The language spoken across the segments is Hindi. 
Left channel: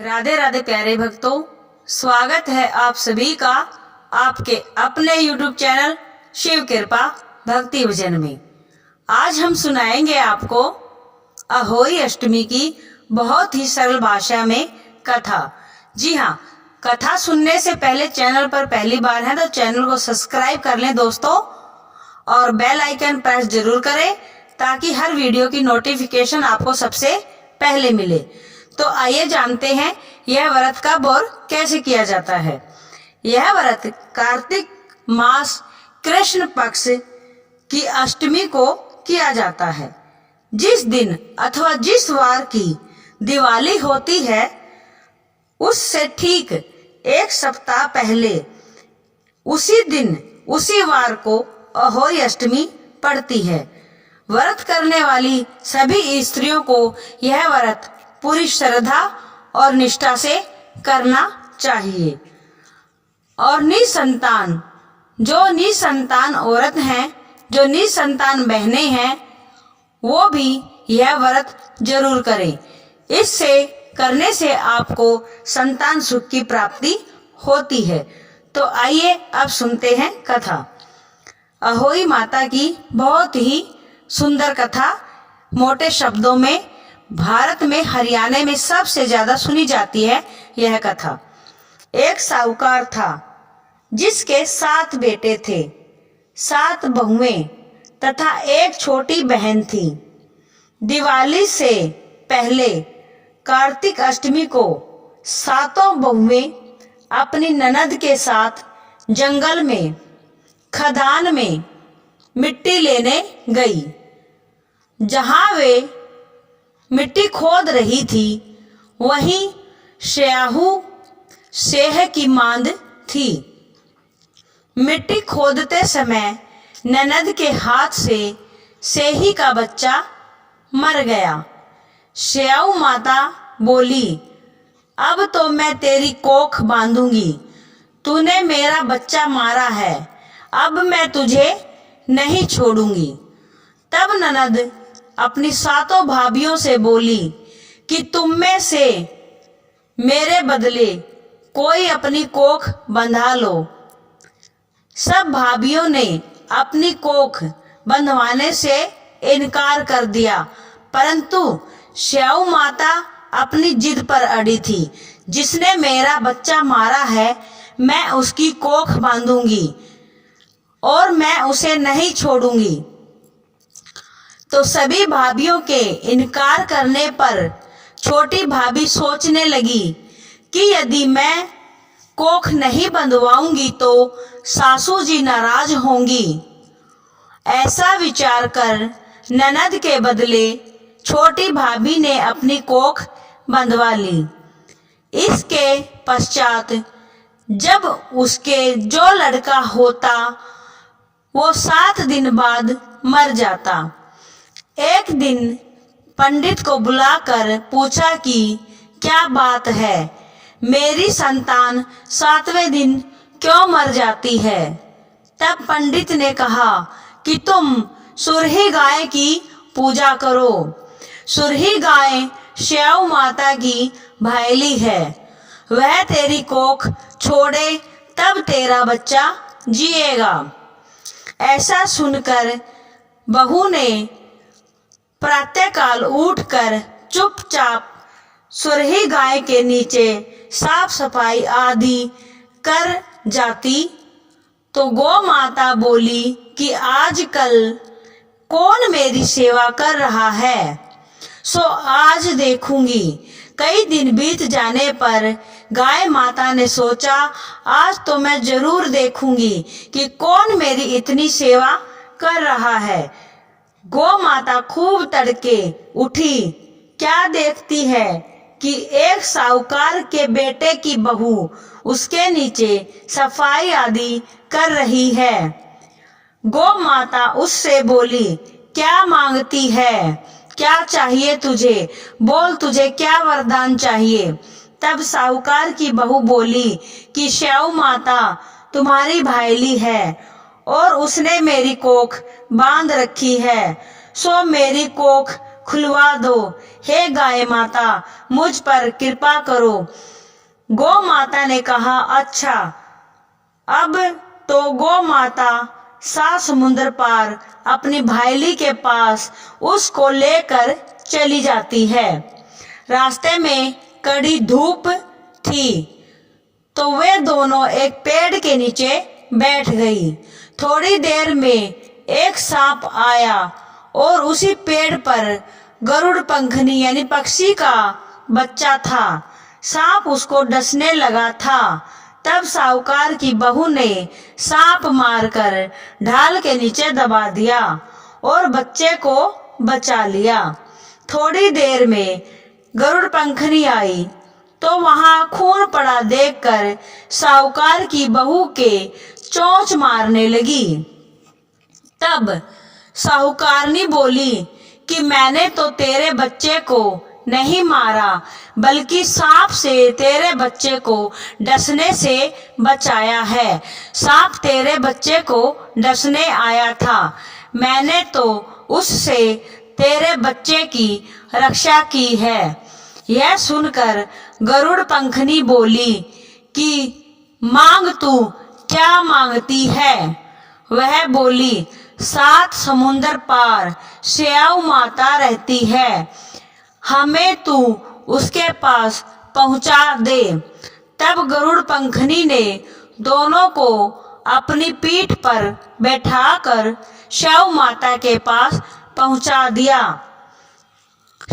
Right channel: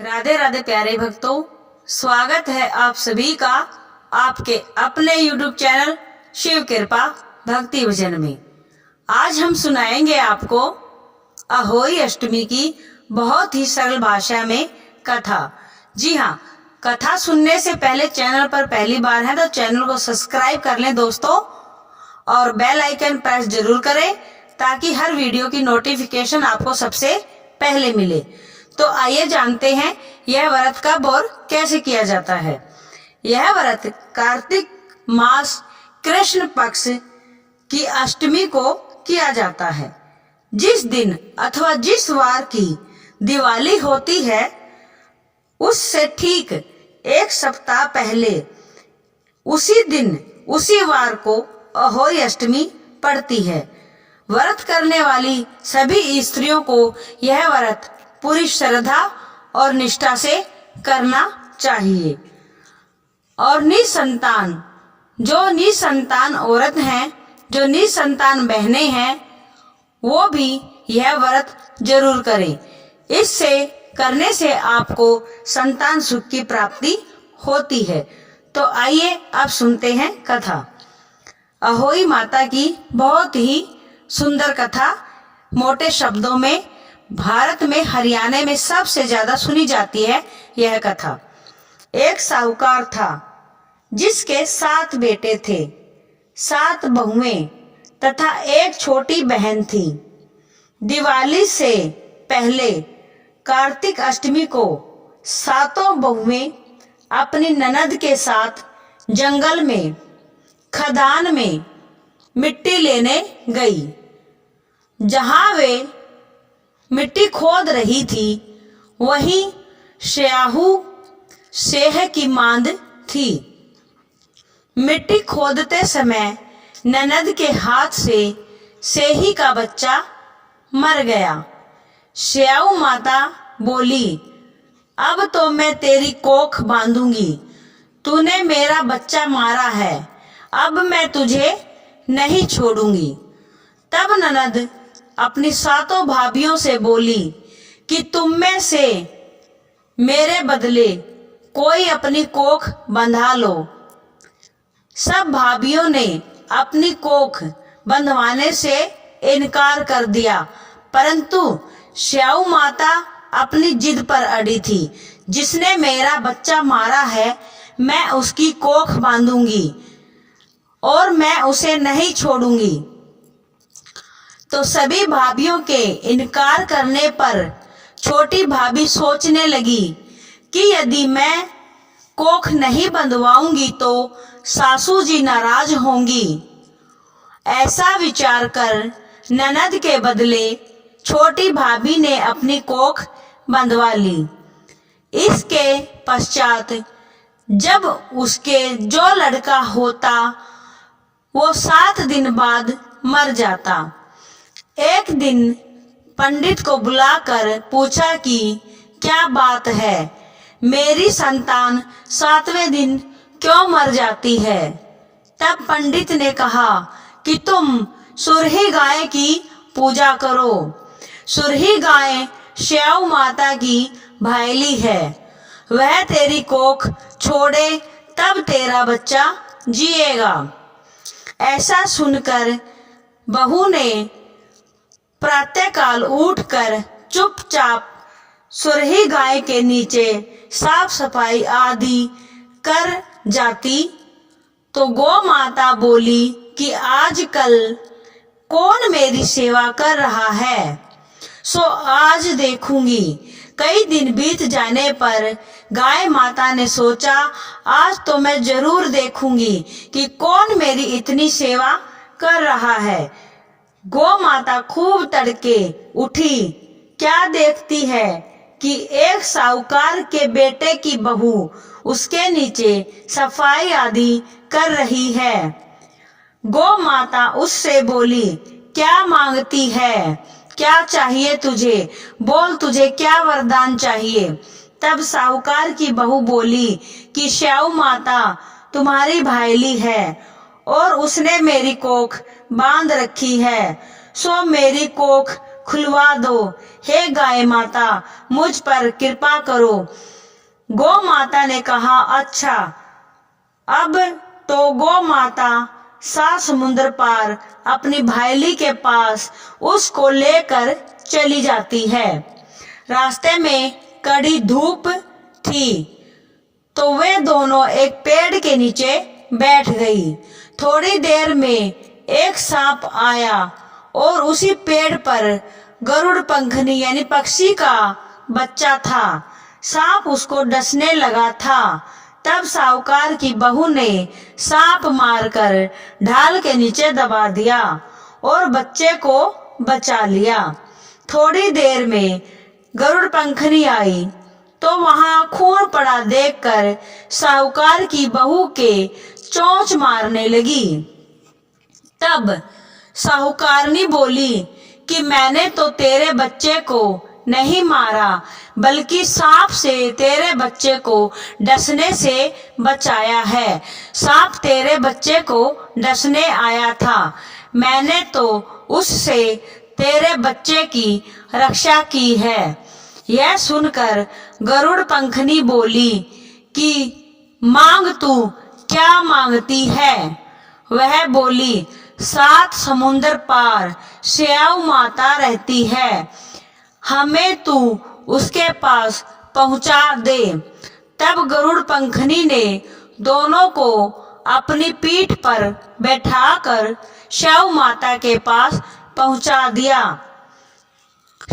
राधे राधे प्यारे भक्तों, स्वागत है आप सभी का आपके अपने YouTube चैनल शिव कृपा भक्ति भजन में। आज हम सुनाएंगे आपको अहोई अष्टमी की बहुत ही सरल भाषा में कथा। जी हाँ, कथा सुनने से पहले चैनल पर पहली बार है तो चैनल को सब्सक्राइब कर लें दोस्तों, और बेल आइकन प्रेस जरूर करें ताकि हर वीडियो की नोटिफिकेशन आपको सबसे पहले मिले। तो आइए जानते हैं यह व्रत कब और कैसे किया जाता है। यह व्रत कार्तिक मास कृष्ण पक्ष की अष्टमी को किया जाता है। जिस दिन अथवा जिस वार की दिवाली होती है उससे ठीक एक सप्ताह पहले उसी दिन उसी वार को अहोई अष्टमी पड़ती है। व्रत करने वाली सभी स्त्रियों को यह व्रत पूरी श्रद्धा और निष्ठा से करना चाहिए। और जो निसंतान औरत हैं, जो निसंतान बहनें हैं, वो भी यह व्रत जरूर करें। इससे करने से आपको संतान सुख की प्राप्ति होती है। तो आइए अब सुनते हैं कथा। अहोई माता की बहुत ही सुंदर कथा, मोटे शब्दों में भारत में हरियाणा में सबसे ज्यादा सुनी जाती है यह कथा। एक साहूकार था जिसके 7 बेटे थे, 7 बहुएं तथा एक छोटी बहन थी। दिवाली से पहले कार्तिक अष्टमी को 7 बहुएं अपनी ननद के साथ जंगल में खदान में मिट्टी लेने गई। जहां वे मिट्टी खोद रही थी वहीं स्याहू सेह की मांद थी। मिट्टी खोदते समय ननद के हाथ से सेही का बच्चा मर गया। स्याहू माता बोली, अब तो मैं तेरी कोख बांधूंगी, तूने मेरा बच्चा मारा है, अब मैं तुझे नहीं छोड़ूंगी। तब ननद अपनी 7 भाभियों से बोली कि तुम में से मेरे बदले कोई अपनी कोख बंधा लो। सब भाभियों ने अपनी कोख बंधवाने से इनकार कर दिया, परंतु स्याहू माता अपनी जिद पर अड़ी थी। जिसने मेरा बच्चा मारा है मैं उसकी कोख बांधूंगी और मैं उसे नहीं छोड़ूंगी। तो सभी भाभियों के इनकार करने पर छोटी भाभी सोचने लगी कि यदि मैं कोख नहीं बंधवाऊंगी तो सासू जी नाराज होंगी। ऐसा विचार कर ननद के बदले छोटी भाभी ने अपनी कोख बंधवा ली। इसके पश्चात जब उसके जो लड़का होता वो 7 दिन बाद मर जाता। एक दिन पंडित को बुलाकर पूछा कि क्या बात है, मेरी संतान 7वें दिन क्यों मर जाती है। तब पंडित ने कहा कि तुम सुरही गाय की पूजा करो। सुरही गाय स्याहू माता की भायली है, वह तेरी कोख छोड़े तब तेरा बच्चा जिएगा। ऐसा सुनकर बहू ने प्रातःकाल उठकर चुपचाप सुरही गाय के नीचे साफ सफाई आदि कर जाती। तो गौ माता बोली कि आजकल कौन मेरी सेवा कर रहा है, सो आज देखूंगी। कई दिन बीत जाने पर गाय माता ने सोचा, आज तो मैं जरूर देखूंगी कि कौन मेरी इतनी सेवा कर रहा है। गौ माता खूब तड़के उठी। क्या देखती है कि एक साहूकार के बेटे की बहू उसके नीचे सफाई आदि कर रही है। गौ माता उससे बोली, क्या मांगती है, क्या चाहिए तुझे, बोल तुझे क्या वरदान चाहिए। तब साहूकार की बहू बोली कि स्याहू माता तुम्हारी भाईली है और उसने मेरी कोख बांध रखी है, सो मेरी कोख खुलवा दो। हे गाय माता, मुझ पर कृपा करो। गौ माता ने कहा, अच्छा। अब तो गौ माता 7 समुद्र पार अपनी भाईली के पास उसको लेकर चली जाती है। रास्ते में कड़ी धूप थी तो वे दोनों एक पेड़ के नीचे बैठ गई। थोड़ी देर में एक सांप आया और उसी पेड़ पर गरुड़ पंखनी यानी पक्षी का बच्चा था। सांप उसको डसने लगा था। तब साहूकार की बहू ने सांप मारकर ढाल के नीचे दबा दिया और बच्चे को बचा लिया। थोड़ी देर में गरुड़ पंखनी आई तो वहां खून पड़ा देखकर साहूकार की बहू के चोंच मारने लगी। तब साहूकारनी बोली कि मैंने तो तेरे बच्चे को नहीं मारा, बल्कि सांप से तेरे बच्चे को डसने से बचाया है। सांप तेरे बच्चे को डसने आया था, मैंने तो उससे तेरे बच्चे की रक्षा की है। यह सुनकर गरुड़ पंखनी बोली कि मांग तू क्या मांगती है। वह बोली, 7 समुंदर पार स्याऊ माता रहती है, हमें तू उसके पास पहुंचा दे। तब गरुड़ पंखनी ने दोनों को अपनी पीठ पर बैठाकर स्याऊ माता के पास पहुंचा दिया।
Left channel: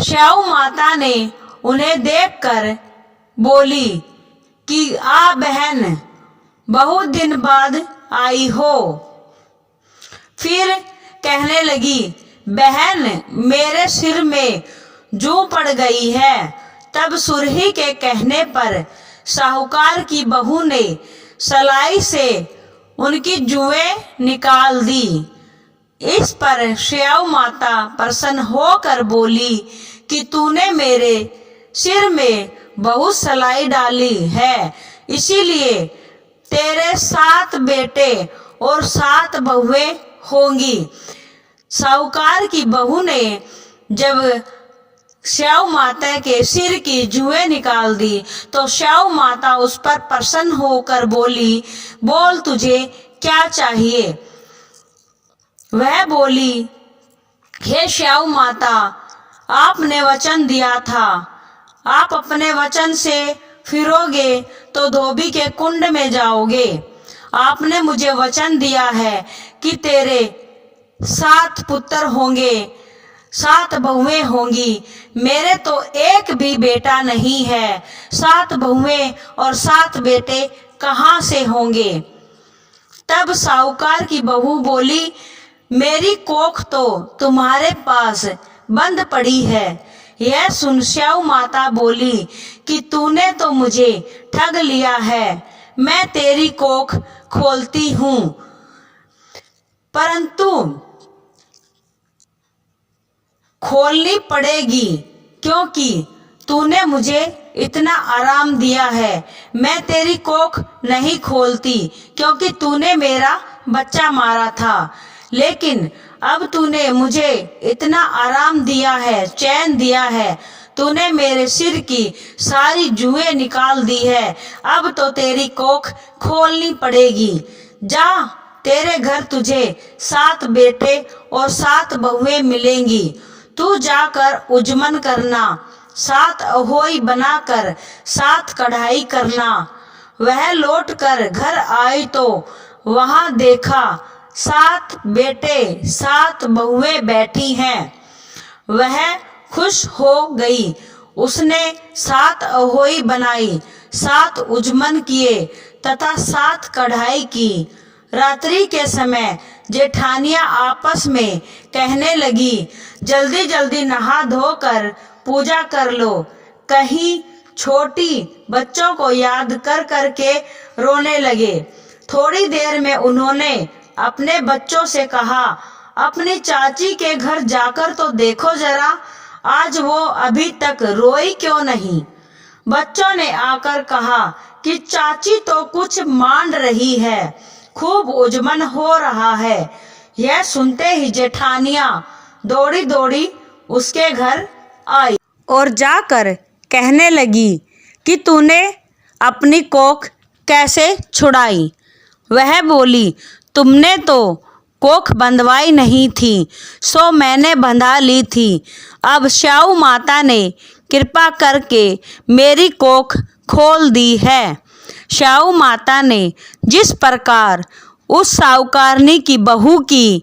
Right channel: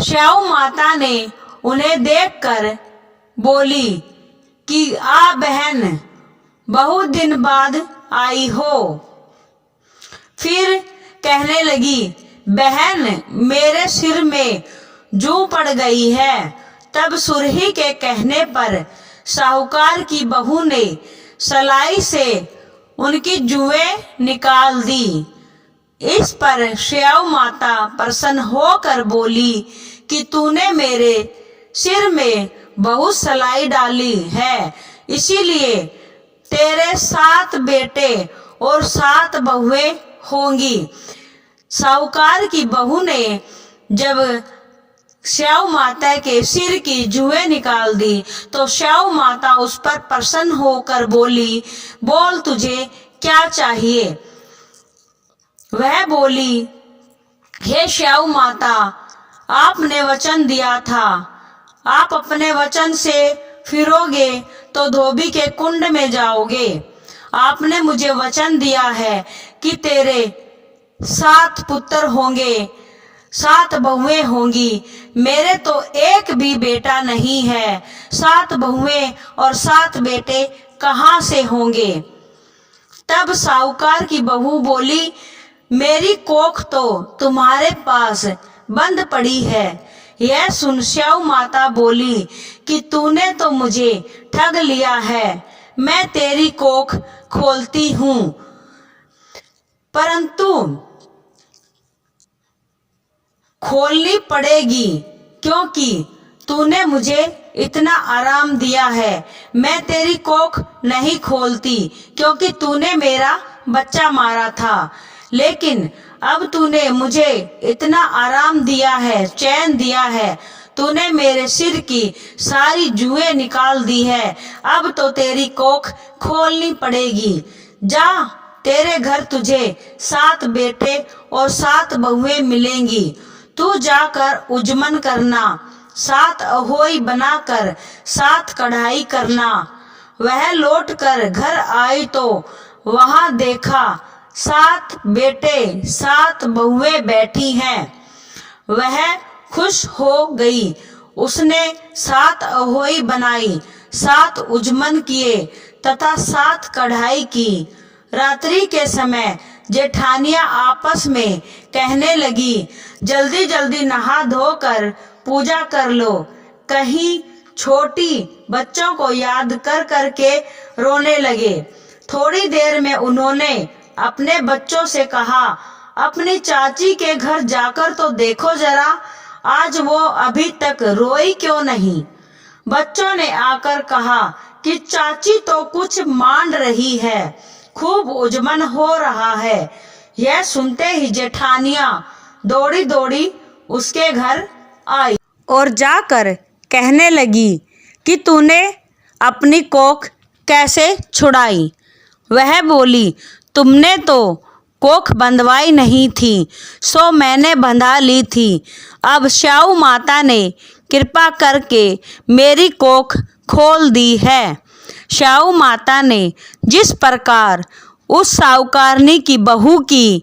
स्याऊ माता ने उन्हें देखकर बोली कि आ बहन, बहुत दिन बाद आई हो। फिर कहने लगी, बहन मेरे सिर में जू पड़ गई है। तब सुरही के कहने पर साहूकार की बहू ने सलाई से उनकी जुएं निकाल दी। इस पर स्याऊ माता प्रसन्न होकर बोली कि तूने मेरे सिर में बहुत सलाई डाली है, इसीलिए तेरे 7 बेटे और 7 बहुएं होंगी। साहूकार की बहू ने जब स्याऊ माता के सिर की जुएं निकाल दी तो स्याऊ माता उस पर प्रसन्न होकर बोली, बोल तुझे क्या चाहिए। वह बोली, हे स्याऊ माता, आपने वचन दिया था, आप अपने वचन से फिरोगे तो धोबी के कुंड में जाओगे। आपने मुझे वचन दिया है कि तेरे 7 पुत्र होंगे, 7 बहुएं होंगी। मेरे तो एक भी बेटा नहीं है, 7 बहुएं और 7 बेटे कहाँ से होंगे। तब साहूकार की बहू बोली, मेरी कोख तो तुम्हारे पास बंद पड़ी है। यह सुन स्याऊ माता बोली कि तूने तो मुझे ठग लिया है, मैं तेरी कोख खोलती हूँ, परंतु खोलनी पड़ेगी क्योंकि तूने मुझे इतना आराम दिया है। मैं तेरी कोख नहीं खोलती क्योंकि तूने मेरा बच्चा मारा था, लेकिन अब तूने मुझे इतना आराम दिया है, चैन दिया है, तूने मेरे सिर की सारी जुएं निकाल दी है, अब तो तेरी कोख खोलनी पड़ेगी। जा, तेरे घर तुझे 7 बेटे और 7 बहुएं मिलेंगी। तू जाकर उजमन करना, 7 अहोई बनाकर 7 कढ़ाई करना। वह लौटकर घर आई तो वहां देखा 7 बेटे 7 बहुएं बैठी हैं। वह खुश हो गई। उसने 7 अहोई बनाई, 7 उजमन किए तथा 7 कढ़ाई की। रात्रि के समय जेठानियां आपस में कहने लगी, जल्दी जल्दी नहा धोकर पूजा कर लो। कहीं छोटी बच्चों को याद कर करके रोने लगे। थोड़ी देर में उन्होंने अपने बच्चों से कहा, अपनी चाची के घर जाकर तो देखो जरा, आज वो अभी तक रोई क्यों नहीं। बच्चों ने आकर कहा कि चाची तो कुछ मान रही है, खूब उजमन हो रहा है। यह सुनते ही जेठानियां दौड़ी दौड़ी उसके घर आई और जाकर कहने लगी कि तूने अपनी कोख कैसे छुड़ाई। वह बोली, तुमने तो कोख बंधवाई नहीं थी, सो मैंने बंधा ली थी। अब स्याऊ माता ने कृपा करके मेरी कोख खोल दी है। स्याऊ माता ने जिस प्रकार उस साहूकारनी की बहू की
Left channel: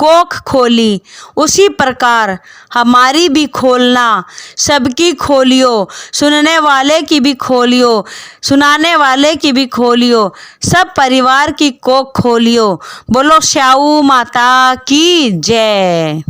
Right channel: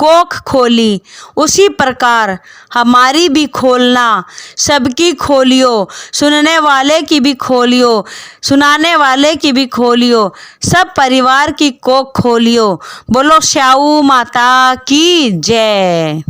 कोख खोली, उसी प्रकार हमारी भी खोलना। सबकी खोलियो, सुनने वाले की भी खोलियो, सुनाने वाले की भी खोलियो, सब परिवार की कोख खोलियो। बोलो स्याऊ माता की जय।